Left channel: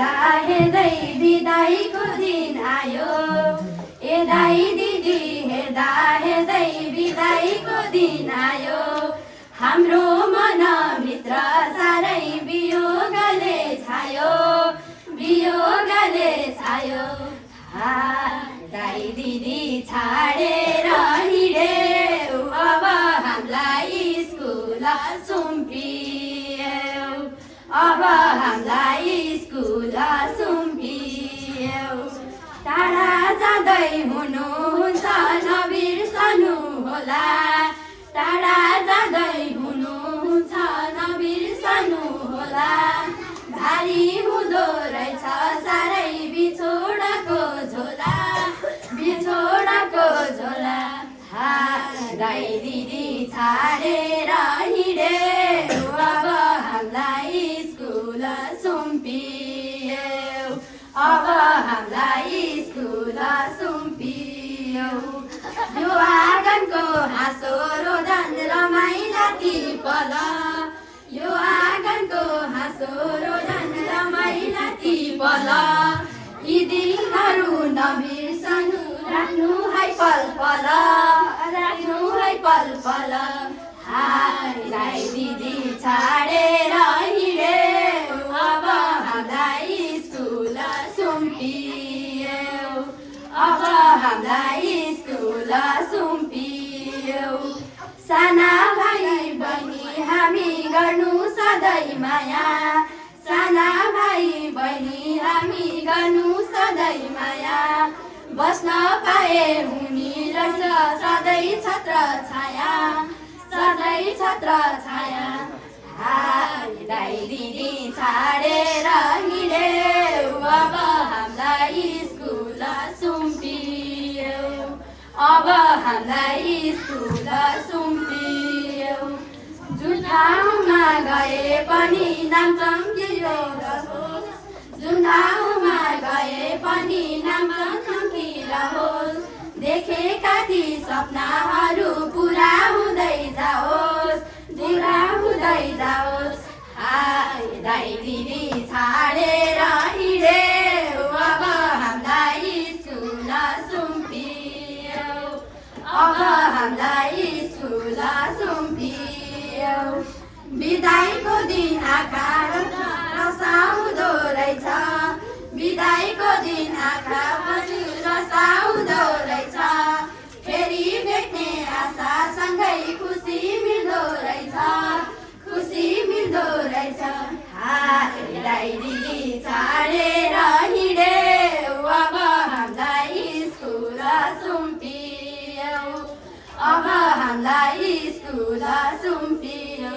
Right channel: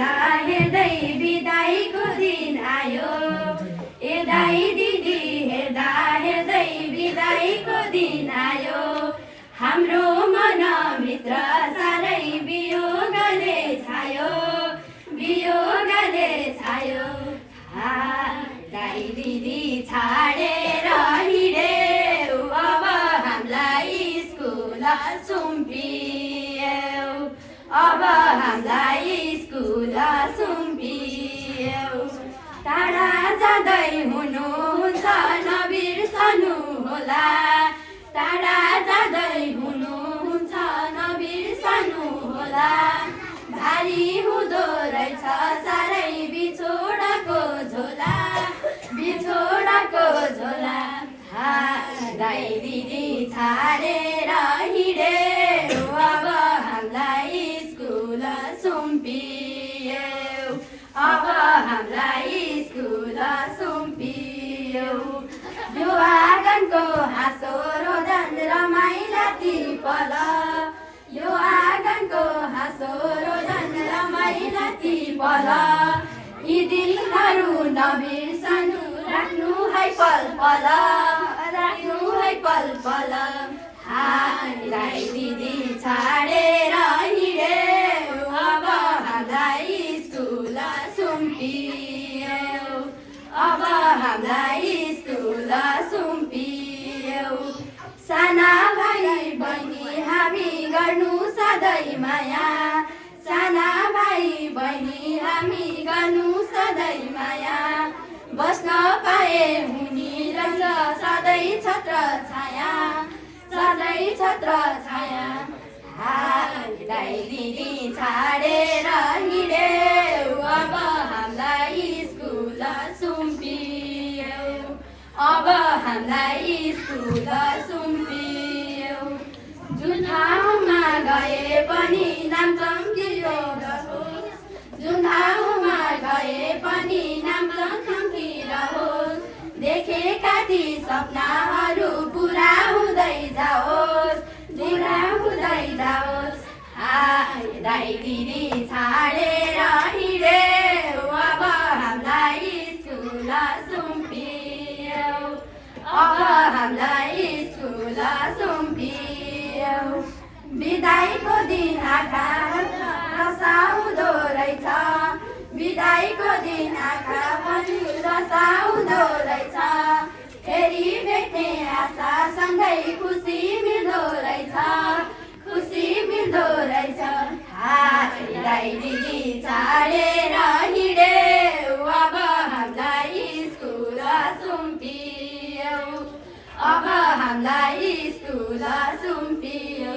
हेर्दा हेर्दै बिदाईको दिन आयो। ए दाई दिदी हेर्दा हेर्दै बिदाईको दिन आयो। हाम्रो मनभित्र साह्रै वियोगले छायो, वियोगले छायो। दाई दिदी छाडेर हिँड्यो, अब हामीलाई स्कुल सुम्पियो, अब हामीलाई स्कुल सुम्पियो। टाढा जाँदै हुनुहुन्छ नबिर्सनु होला, टाढा जाँदै हुनुहुन्छ नबिर्सनु होला। भारी हुँदो रहेछ साह्रै बिछोडको झोला, बिछोडको झोला। दाई दिदी छाडेर हिँड्यो, अब हामीलाई स्कुल सुम्पियो, अब हामीलाई स्कुल सुम्पियो। यो आँगनको हाँसो रोदन रमाइला ती पल, यो आँगनको हाँसो रोदन रमाइला ती पल। यी दिनहरू नबिर्सनु, राख्नु है पल पल, राख्नु है पल पल। दाई दिदी छाडेर हिँड्यो, अब हामीलाई स्कुल सुम्पियो, अब हामीलाई स्कुल सुम्पियो। साना भाइ बहिनी हामी गर्नु सधैँ माया, साना भाइ बहिनी हामी गर्नु सधैँ माया। बस्न पाए हुने रहेछ सधैँ छत्र छाया, सधैँ छत्र छाया। दाई दिदी छाडेर हिँड्यो, अब हामीलाई स्कुल सुम्पियो, अब हामीलाई स्कुल सुम्पियो। जुन ठाउँमा गए पनि नाम चम्किरहोस्, जुन ठाउँमा गए पनि नाम चम्किरहोस्। देखेका ती सपनाहरू पुरा हुँदै जाओस्, पुरा हुँदै जाओस्। दाई दिदी छाडेर हिँड्यो, अब हामीलाई स्कुल सुम्पियो, अब हामीलाई स्कुल सुम्पियो। बिदाईको दिन आँखा रसाउँदो रहेछ, बिदाईको दिन आँखा पनि रसाउँदो रहेछ। फेरि भेट्ने आशासँगै खुसी मिल्दो रहेछ, खुसी मिल्दो रहेछ। दाई दिदी छाडेर हिँड्यो, अब हामीलाई स्कुल सुम्पियो, अब हामीलाई स्कुल सुम्पियो।